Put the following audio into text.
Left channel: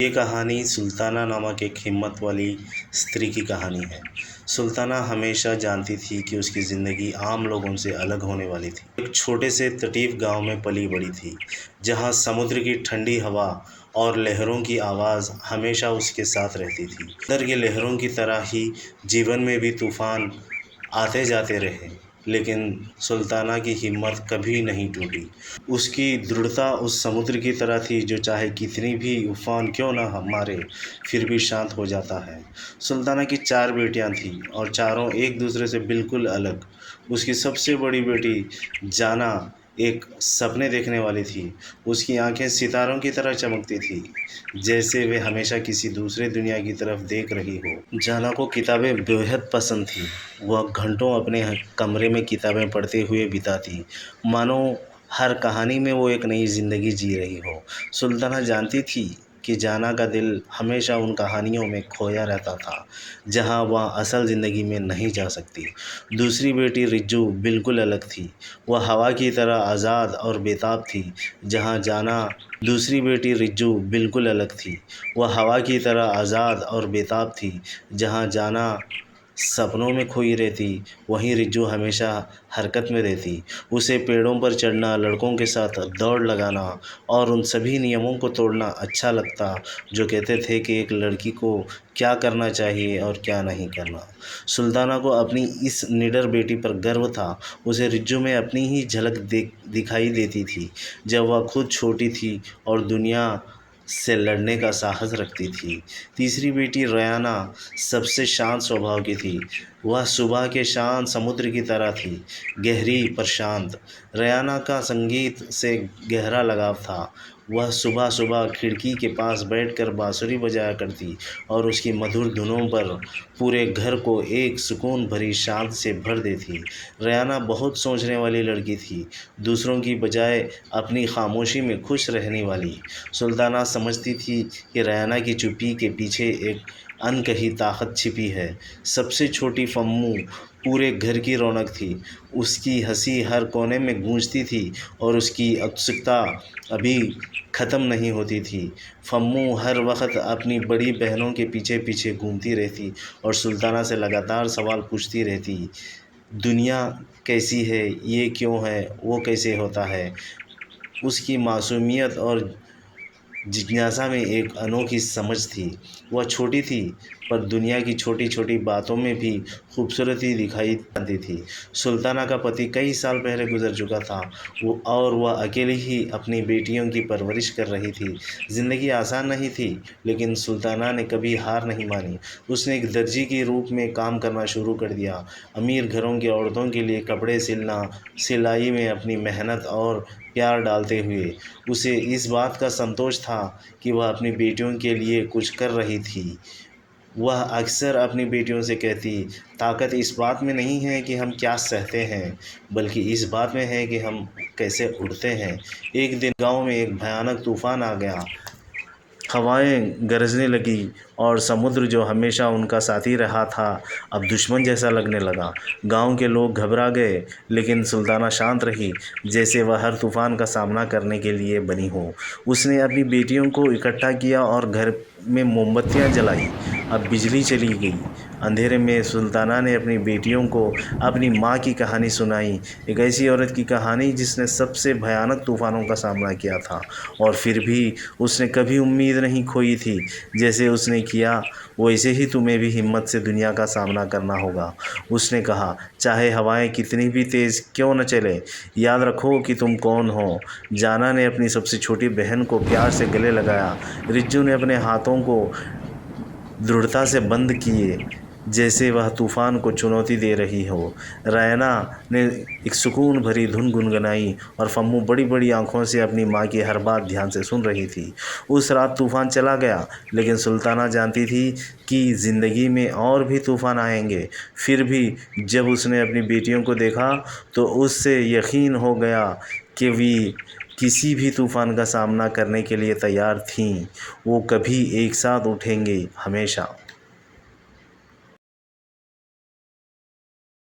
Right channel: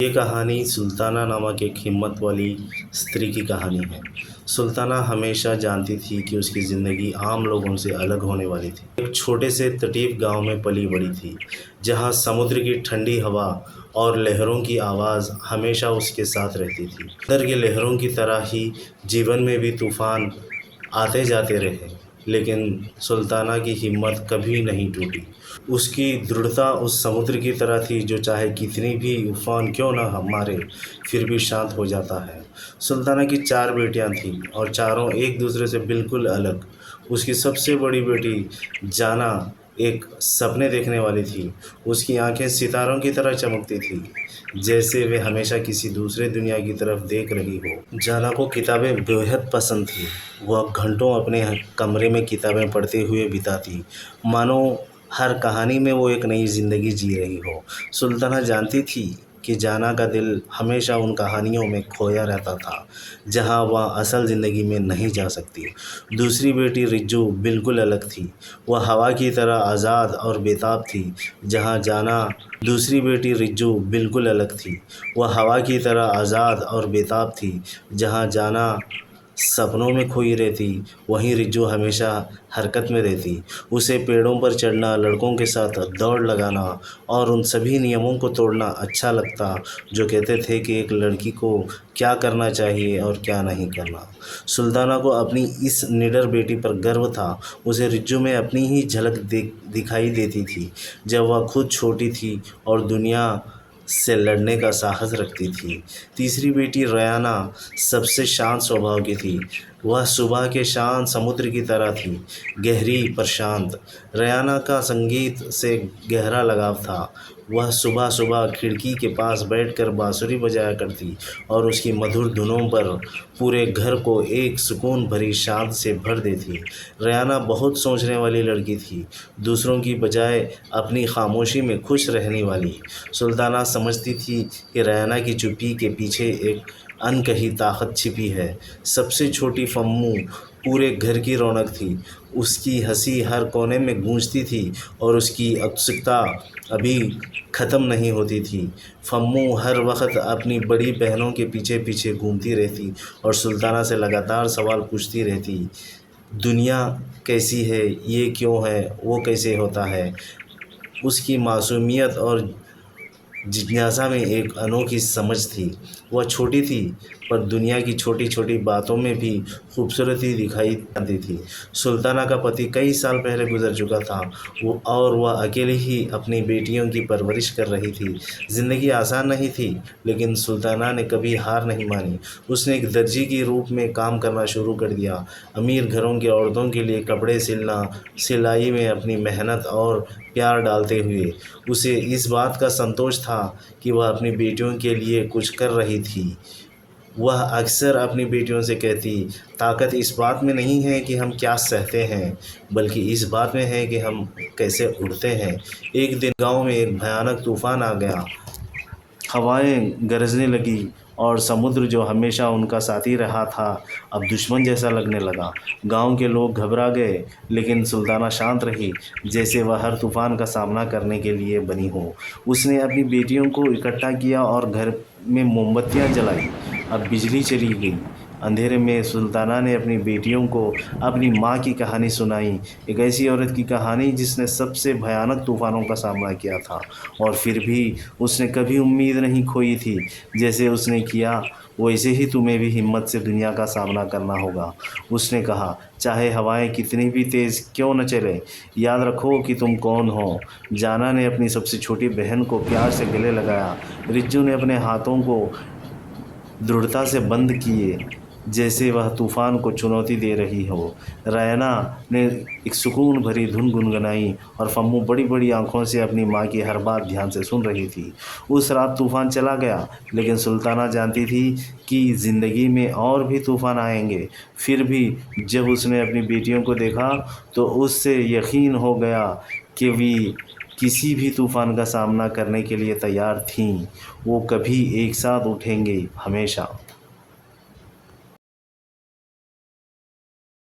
ये कहानी सुल्ताना नामक एक हिम्मत वाली स्त्री की कहानी है। सुल्ताना हमेशा जानती थी कि उसकी ज़िंदगी आम लोगों से अलग होने वाली थी। एक छोटे से तटीफ गांव में पली बड़ी थी, जहां समुद्र की ठंडी हवा और लहरों की आवाज़ हमेशा उसके साथ रहती थी। समुद्र की लहरों की तरह ही जीवन में भी तूफ़ान आते जाते रहे, लेकिन सुल्ताना की हिम्मत कभी नहीं टूटी। उसकी दृढ़ता उस समुद्र की तरह थी जो चाहे कितनी भी उफ़ान क्यों न मारे, फिर भी शांत हो जाता है। सुल्ताना की 4 बेटियां थीं और चारों एक दूसरे से बिल्कुल अलग। उसकी सबसे बड़ी बेटी जाना एक सपने देखने वाली थी। उसकी आंखें सितारों की तरह चमकती थी, जैसे वे हमेशा किसी दूसरे दुनिया की तरफ देख रही हो। जाना को किताबें बेहद पसंद थी। वह घंटों अपने कमरे में किताबें पढ़ते हुए बिताती, मानो हर कहानी में वो एक नई ज़िंदगी जी रही हो। सुल्ताना जानती थी कि जाना का दिल हमेशा उन कहानियों में खोया रहता था, जहाँ वह असल ज़िंदगी में नहीं जा सकती। दूसरी बेटी रिज्जू बिल्कुल अलग थी। वह हवा की तरह आज़ाद और बेताब थी, जहाँ जाना दूसरी बेटी रिज्जू बिल्कुल अलग थी। वह हवा की तरह आज़ाद और बेताब थी, जहाँ जाना सपनों में खोई रहती, वहीं रिज्जू हमेशा हरकत में रहती। उसे पेड़ों पर चढ़ना, लड़कों के साथ दौड़ लगाना और उन सभी नियमों को तोड़ना अच्छा लगता जो कहते थे कि एक लड़की को क्या करना चाहिए और क्या नहीं करना। सुल्ताना को अपनी इस निडर बेटी पर गर्व था। उसे रिज्जू में अपनी ही झलक दिखाई देती थी, जब वह खुद छोटी थी और दुनिया से लड़ने का साहस रखती थी। तीसरी बेटी रयाना सबसे शांत स्वभाव की थी। वह सुबह के शांत समुद्र की तरह थी, गहरी पर शांत। रयाना का संगीत से गहरा लगाव था। वह सुबह सुबह खिड़की के पास बैठकर बांसुरी बजाया करती और उसकी मधुर धुनों पर पूरे घर को एक सुकून भरी शांत से भर देती। रयाना बहुत सोचने वाली लड़की थी, दूसरों की बजाय अपनी खामोशी में खुश रहने वाली। सुल्ताना समझती थी कि रयाना की चुप्पी के पीछे एक अनकही ताकत छिपी है। सबसे छोटी फम्मू पूरे घर की रौनक थी। उसकी हंसी हर कोने में गूंजती थी और उसकी उत्सुकता अभी ख़त्म नहीं होती थी। फम्मू हर वक्त अपनी बड़ी बहनों के पीछे पीछे घूमती रहती और सुल्ताना से लगातार सवाल पूछती रहती। दुनिया कैसी है, ये क्यों है, वो कैसे होता है। उसकी मासूमियत और जिज्ञासा में एक अनोखी समझ थी। वह छोटी थी, पर दुनिया की छोटी छोटी बातों में भी खूबसूरती दिखाई देती थी। सुल्ताना का पति कई साल पहले गुजर चुका था और वह अकेली ही अपनी बेटियों की परवरिश कर रही थी। ज़िंदगी आसान नहीं थी, लेकिन सुल्ताना ने कभी हार नहीं मानी। उसने एक दर्जी के रूप में काम करना शुरू कर दिया, अमीर घरों की औरतों के लिए कपड़े सिलना, सिलाई में अपनी मेहनत और प्यार डालते हुए। उसे इस बात का संतोष था कि वह अपनी बेटियों के लिए कुछ कर रही थी। वह अक्सर अपनी बेटियों से कहती, ताकत इस बात में नहीं है कि हम क्या सहते हैं, बल्कि इस बात में है कि हम कैसे उड़ते हैं। एक दिन गांव में एक भयानक तूफान आ गया। हवाएं गरजने लगी और समुद्र जो हमेशा उनका साथी रहा था, अब दुश्मन जैसा लगने लगा। गांव के लोग घबरा गए, लेकिन सुल्ताना शांत रही, जैसे वह हर तूफान का सामना करने के लिए बनी हो। उसने अपनी बेटियों को इकट्ठा किया और घर में मोमबत्तियां जलाई। अब बिजली चली गई। अंधेरे में सुल्ताना ने अपनी बेटियों को अपनी माँ की कहानी सुनाई, एक ऐसी औरत की कहानी जिसने सबसे भयानक तूफानों का सामना किया था और फिर भी उसने कभी उम्मीद नहीं खोई थी। जैसे उसने किया, वैसे ही तुम्हें भी हिम्मत से दुनिया का सामना करना होगा। उसने कहा, चाहे हवाएं कितनी भी तेज़ क्यों न चले, याद रखो कि तुम कौन हो। जाना ने अपनी सबसे छोटी बहन को प्यार से गले लगाया। रिज्जू ने अपने हाथों को दृढ़ता से बंद किए, जैसे वह तूफान को चुनौती दे रही हो। रैना ने एक सुकून भरी धुन गुनगुनाई और फम्मू बड़ी बड़ी आंखों से अपनी माँ की हर बात ध्यान से सुन रही थी। उस रात तूफान चला गया, लेकिन सुल्ताना जानती थी कि ज़िंदगी में और भी तूफान आएंगे। फिर भी जब उसने अपनी बेटियों को देखा, तो उससे यकीन हो गया कि वे किसी भी तूफान का सामना करने के लिए तैयार थीं। वो कभी एक साथ उठेंगे, हमेशा।